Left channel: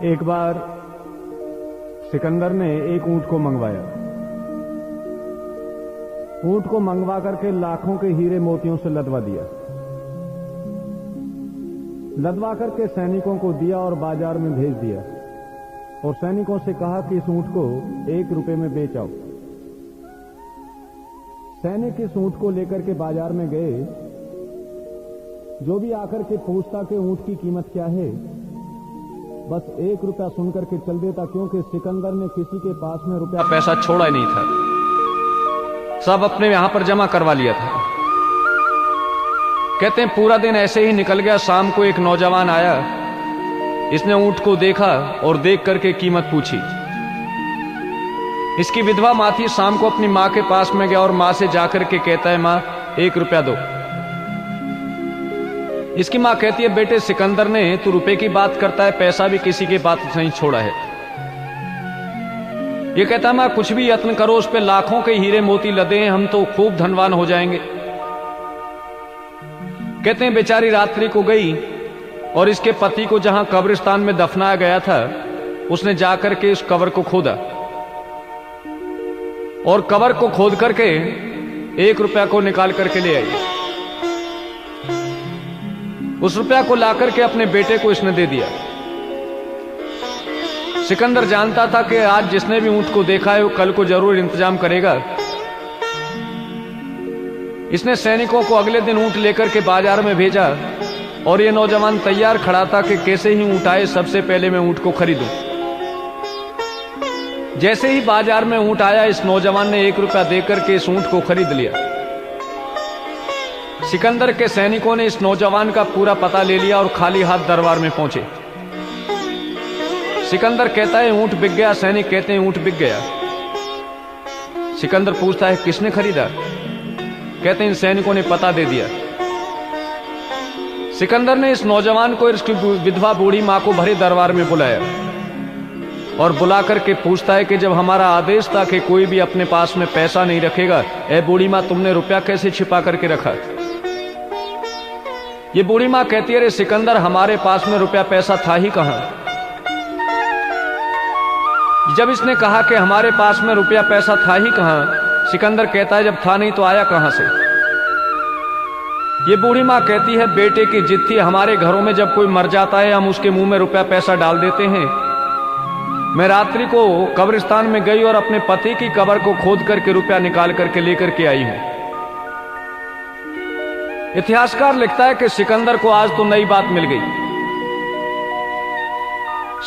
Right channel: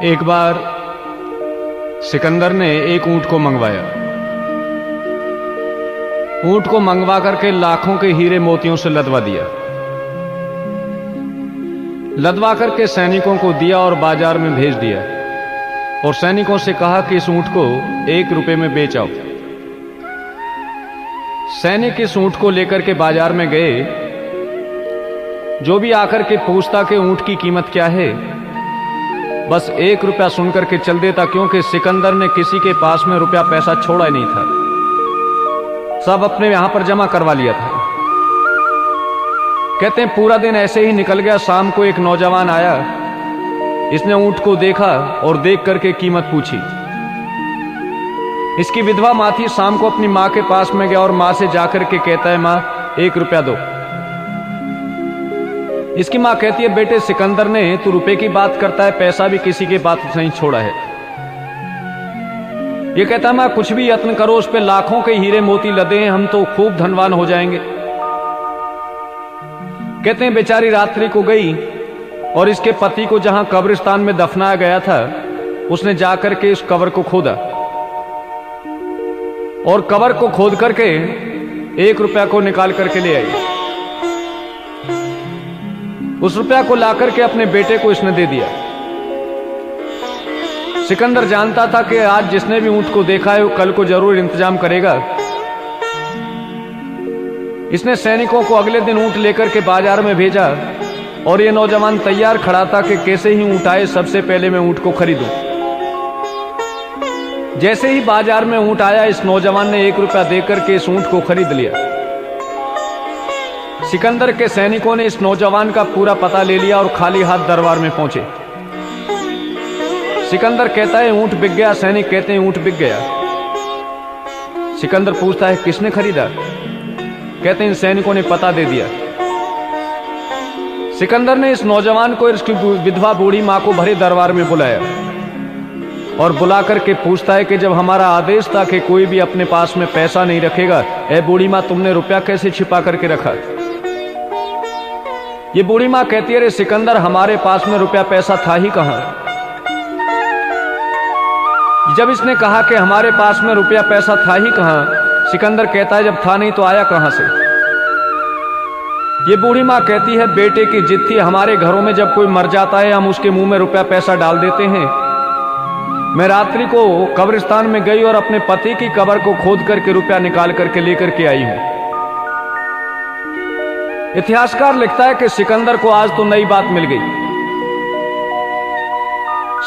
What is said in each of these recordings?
एक बार सिकंदर ने एक ऊंट को मंगवाया। ऊंट को मंगवा करके लाखों के हीरे मोतियों से लदवा दिया। लदवा करके सैनिकों को दिया और बाजार में भेज दिया और सैनिकों से कहा कि इस ऊंट को 1 रुपए में बेच आओ। सैनिक इस ऊंट को लेकर के बाजार में गए। जो भी आकर के पूछता कि ऊंट की कीमत क्या है, बस 1 रुपया सुनकर के चल देता, क्योंकि सिकंदर ने किसी के पास में रुपया पैसा छोड़ा ही नहीं था, सब अपने यहां पर जमा करवा लिया था। कहते हैं पूरा दिन ऐसे ही निकल गया। शाम को एक नौजवान आया। इसने ऊंट को देखा और देख करके कीमत पूछी। इसकी विधवा मां थी। शाम को अपनी मां के पास में गया और मां से जाकर के कहता है, मां 1 रुपया दो। इसकी मां कहती है, बेटे सिकंदर ने तू रुपए की बात करता है, पैसा भी किसी के बात नहीं छोड़ा है। ये कहता है, मां कुछ भी यत्न करो, उस पे लाखों के हीरे मोती लदे हैं, हम तो खूब धनवान हो जाएंगे। कहते हैं बेचारी रात्रि को गई और इसके पति को जहां कब्रिस्तान में दफनाया गया था, उसने जाकर के इस कब्र को खोदा और कब्र को खोद करके 1 रुपया को निकाल करके ले आई। उस रुपया को लाकर के अपने बेटे को इसने दे दिया। सिकंदर जानता था कि आज जिसने भी ऊंट को देखा है वो कल को जरूर इंतजाम करेगा। इसने सैनिकों को अगले दिन ऊंट लेकर के बाजार में भेजा और ये नौजवान तैयार खड़ा था कि कैसे ही ऊंट आए सबसे पहले मैं ऊंट को खरीदूं। जैसे ही बाजार में ऊंट आया, इस नौजवान ने 1 रुपया देकर के इस ऊंट को खरीद लिया। सिकंदर के सैनिकों ने इस नौजवान का पूरा पता ले लिया और खाली हाथ दरबार में पहुंचे। सिकंदर कहता है ऊंट बिक गया। सैनिक कहते हैं ऊंट बिक गया। सिकंदर पूछता है किसने खरीदा? कहते हैं इन सैनिकों ने पता दे दिया। सिकंदर ने इस नौजवान को इसकी विधवा बूढ़ी मां को भरे दरबार में बुलाया और बुला करके पूछता है कि जब हमारा आदेश था कि कोई भी अपने पास में पैसा नहीं रखेगा, ए बूढ़ी मां तुमने रुपया कैसे छिपा करके रखा? ये बूढ़ी मां कहती है, अरे सिकंदर हमारे पास में रुपया पैसा था ही कहां। जब इसने कहा कि हमारे पास में रुपया पैसा था ही कहां, सिकंदर कहता है जब था नहीं तो आया कहां से? ये बूढ़ी मां कहती है, बेटे की जिद थी, हमारे घरों में जब कोई मर जाता है हम उसके मुंह में रुपया पैसा डाल देते हैं। मैं रात्रि को कब्रिस्तान में गई और अपने पति की कब्र को खोद करके रुपया निकाल करके लेकर के आई हूं। इतिहासकार लिखता है कि सिकंदर को आज तो नई बात मिल गई।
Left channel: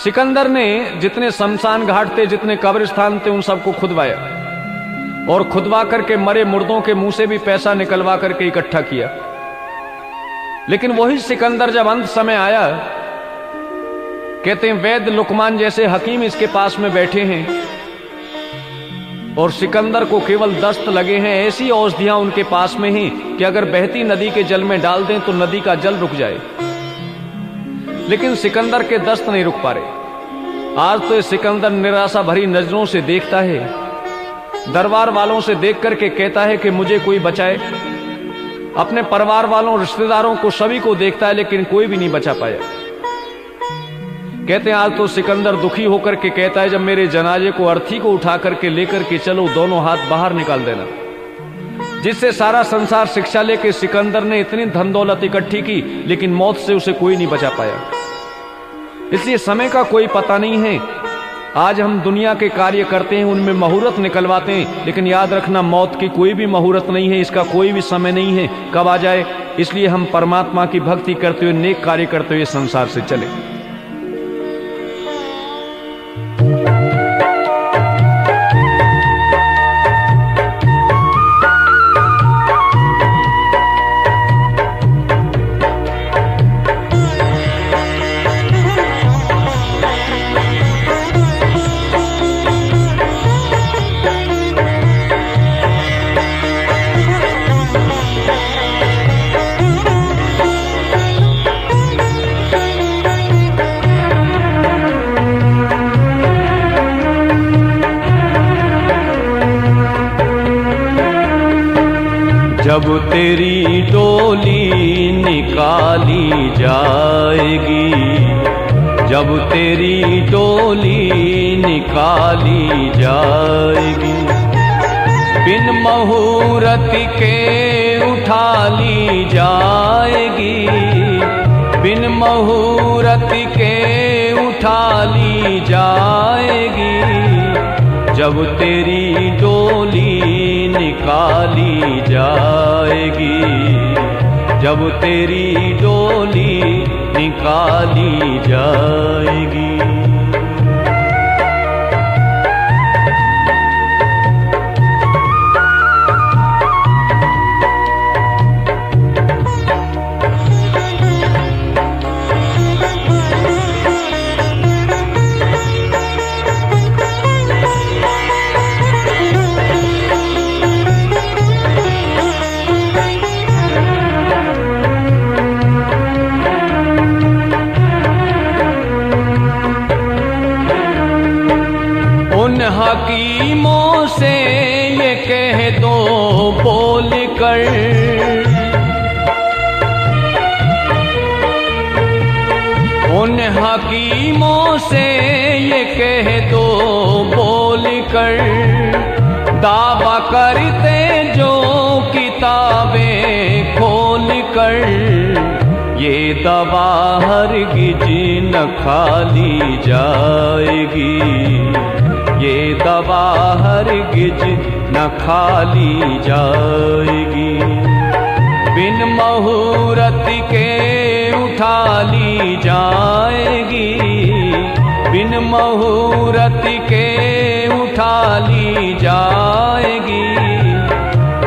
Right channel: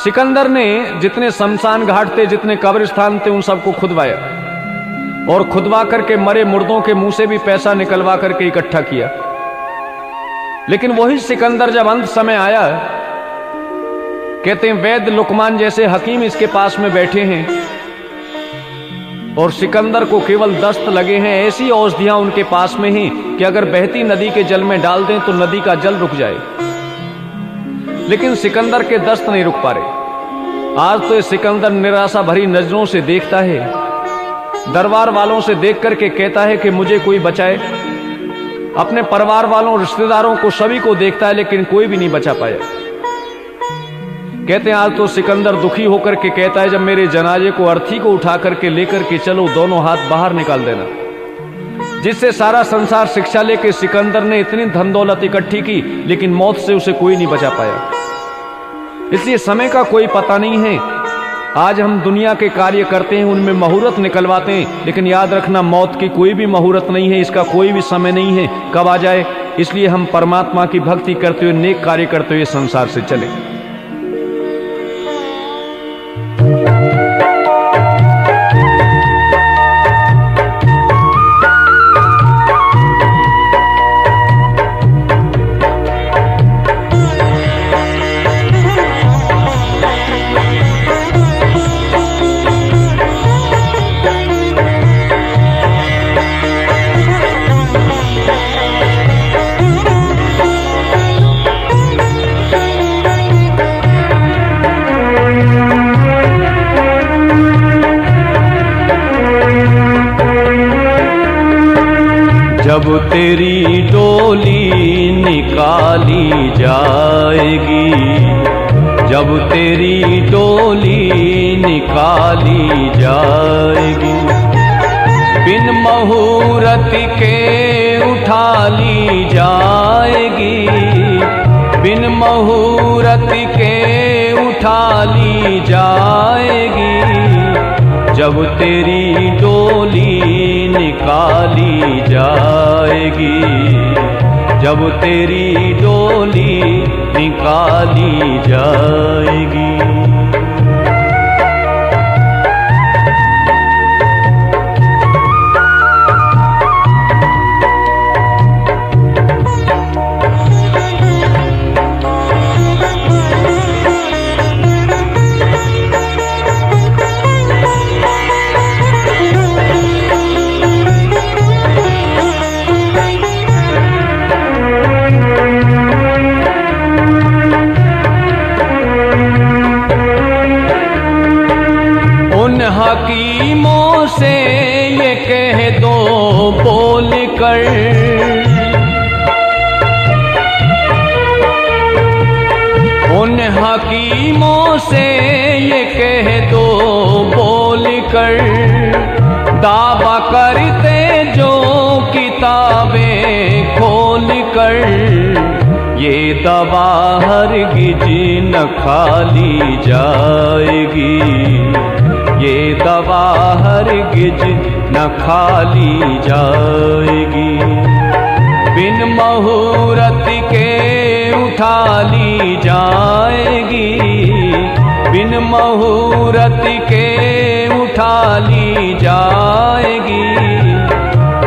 सिकंदर ने जितने शमशान घाट थे, जितने कब्रिस्तान थे, उन सबको खुदवाया और खुदवा करके मरे मुर्दों के मुंह से भी पैसा निकलवा करके इकट्ठा किया। लेकिन वही सिकंदर जब अंत समय आया, कहते हैं वैद्य लुकमान जैसे हकीम इसके पास में बैठे हैं और सिकंदर को केवल दस्त लगे हैं। ऐसी औषधियां उनके पास में हैं कि अगर बहती नदी के जल में डाल दें तो नदी का जल रुक जाए, लेकिन सिकंदर के दस्त नहीं रुक पा रहे। आज तो सिकंदर निराशा भरी नजरों से देखता है, दरबार वालों से देख करके कहता है कि मुझे कोई बचाए। अपने परिवार वालों, रिश्तेदारों को, सभी को देखता है लेकिन कोई भी नहीं बचा पाया। कहते हैं आज तो सिकंदर दुखी होकर के कहता है, जब मेरे जनाजे को अर्थी को उठा करके लेकर के चलो, दोनों हाथ बाहर निकाल देना। जिससे सारा संसार शिक्षा लेके सिकंदर ने इतनी धन दौलत इकट्ठी की, लेकिन मौत से उसे कोई नहीं बचा पाया। इसलिए समय का कोई पता नहीं है। आज हम दुनिया के कार्य करते हैं, उनमें मुहूर्त निकलवाते हैं, लेकिन याद रखना मौत की कोई भी मुहूर्त नहीं है, इसका कोई भी समय नहीं है कब आ जाए। इसलिए हम परमात्मा की भक्ति करते हुए, नेक कार्य करते हुए संसार से चले। जब तेरी डोली निकाली जाएगी, जब जब तेरी डोली निकाली जाएगी, बिन मुहूर्त के उठा ली जाएगी, बिन मुहूर्त के उठा ली जाएगी। जब तेरी डोली निकाली जाएगी, जब तेरी डोली निकाली जाएगी। हकीमों से ये कह दो बोल कर, उन हकीमों से ये कह दो बोल कर, दावा करते जो किताबें खोल कर, ये दवा हरगिज न खाली जाएगी, ये दवा हरगिज न खाली जाएगी। बिन मुहूर्त के उठा ली जाएगी, बिन मुहूर्त के उठा ली जाएगी।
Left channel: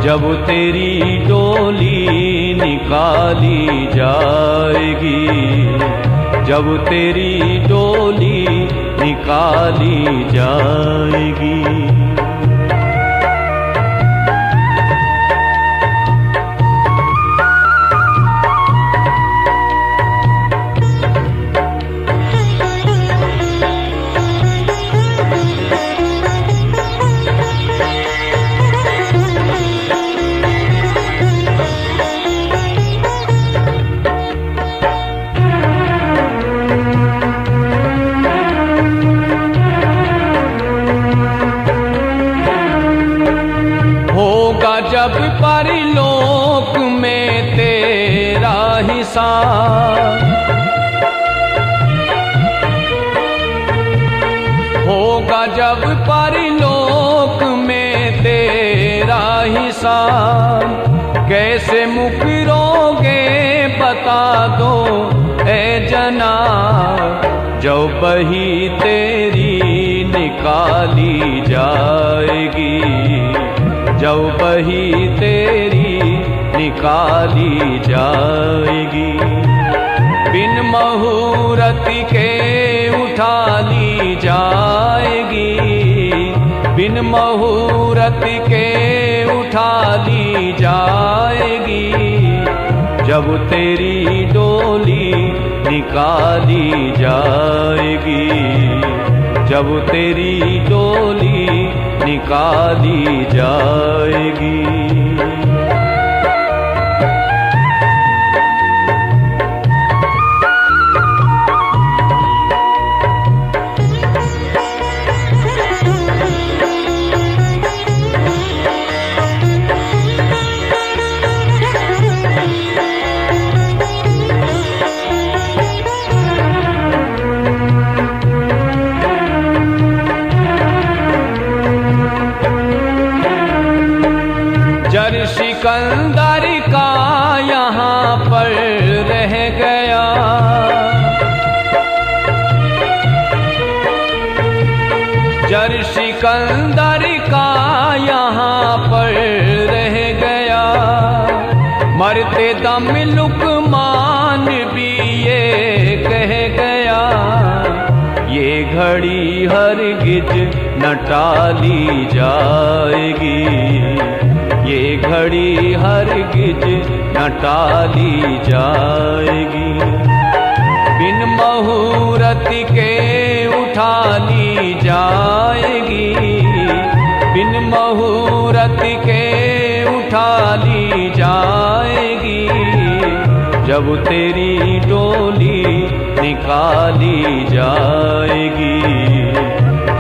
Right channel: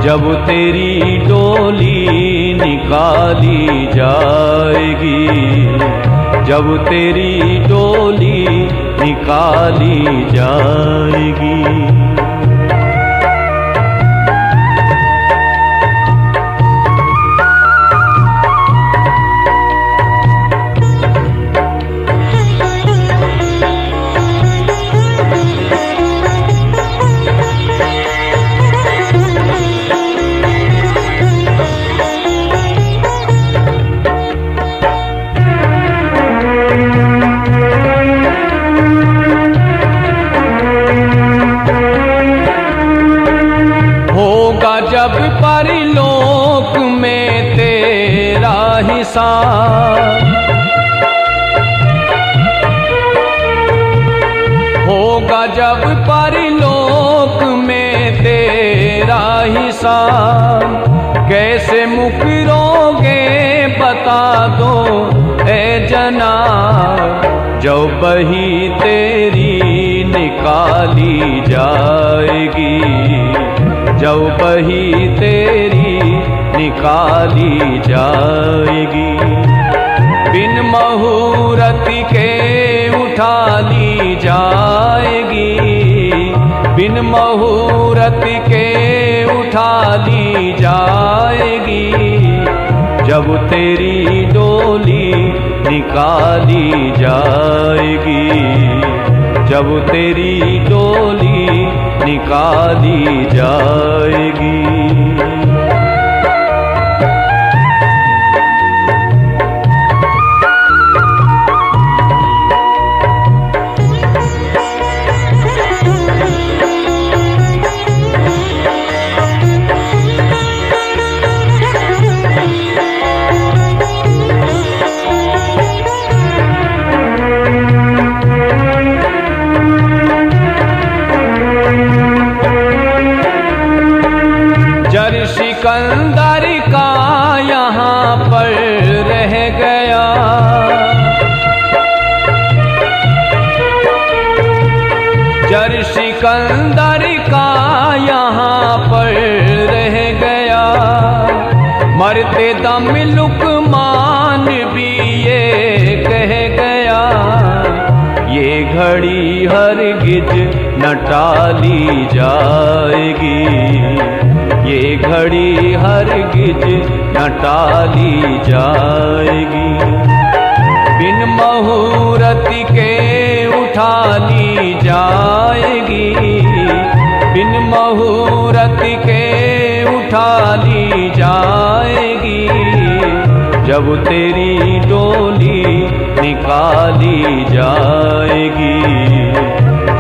जब तेरी डोली निकाली जाएगी, जब तेरी डोली निकाली जाएगी। जब परलोक में तेरा हिसाब होगा, जब परलोक में तेरा हिसाब, कैसे मुकरोगे बता दो ए जनाब। जब बही तेरी निकाली जाएगी, जब बही तेरी निकाली जाएगी। बिन मुहूर्त के उठा ली जाएगी, बिन मुहूर्त के उठा ली जाएगी। जब तेरी डोली निकाली जाएगी, जब तेरी डोली निकाली जाएगी। सिकंदर का यहाँ पर रह गया, जर सिकंदर का यहाँ पर रह गया। मरते दम लुकमान भी ये कह गया, ये घड़ी हरगिज न टाली जाएगी, ये घड़ी हरगिज न टाली जाएगी। बिन मुहूर्त के उठा ली जाएगी, बिन मुहूर्त के उठा ली जाएगी। जब तेरी डोली निकाली जाएगी,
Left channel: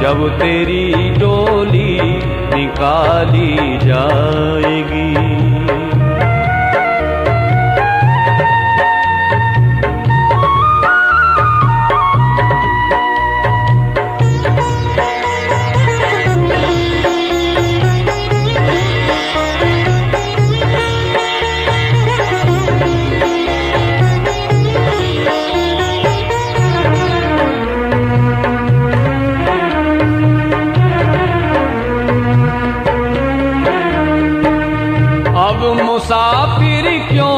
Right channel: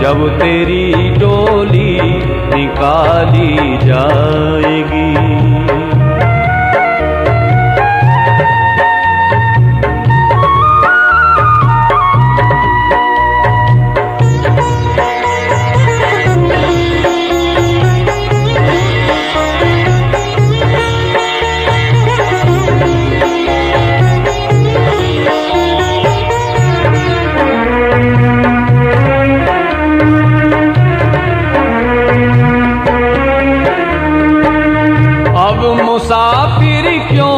जब तेरी डोली निकाली जाएगी। मुसाफिर क्यों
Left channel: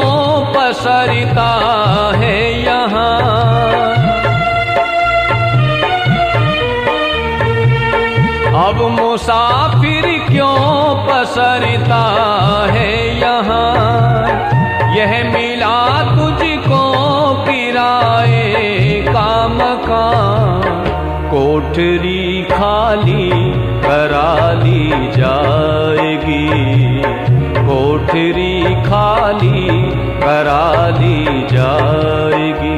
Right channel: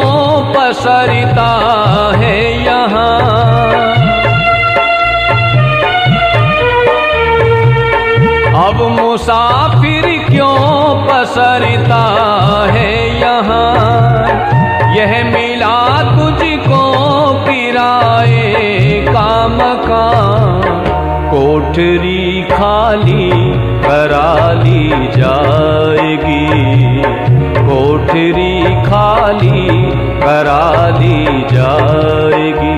पसरता है यहाँ, अब मुसाफिर क्यों पसरता है यहाँ। यह मिला तुझको किराए का मकान, कोठरी खाली करा ली जाएगी, कोठरी खाली करा ली जाएगी।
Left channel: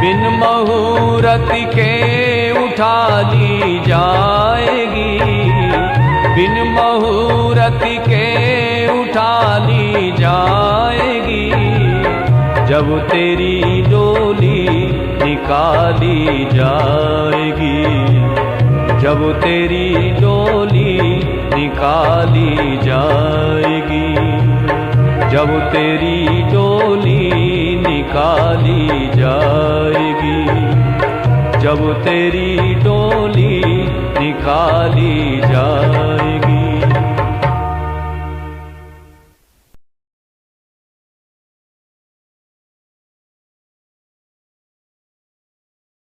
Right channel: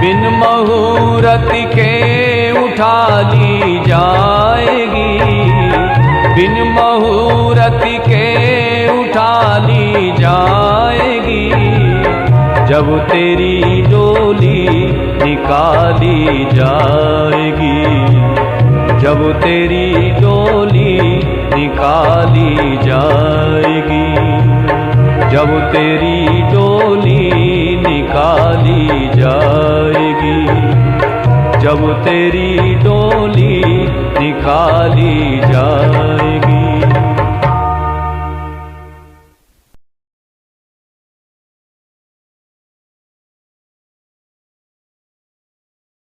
बिन मुहूर्त के उठा ली जाएगी, बिन मुहूर्त के उठा ली जाएगी। जब तेरी डोली निकाली जाएगी, जब तेरी डोली निकाली जाएगी, जब तेरी डोली निकाली जाएगी, जब तेरी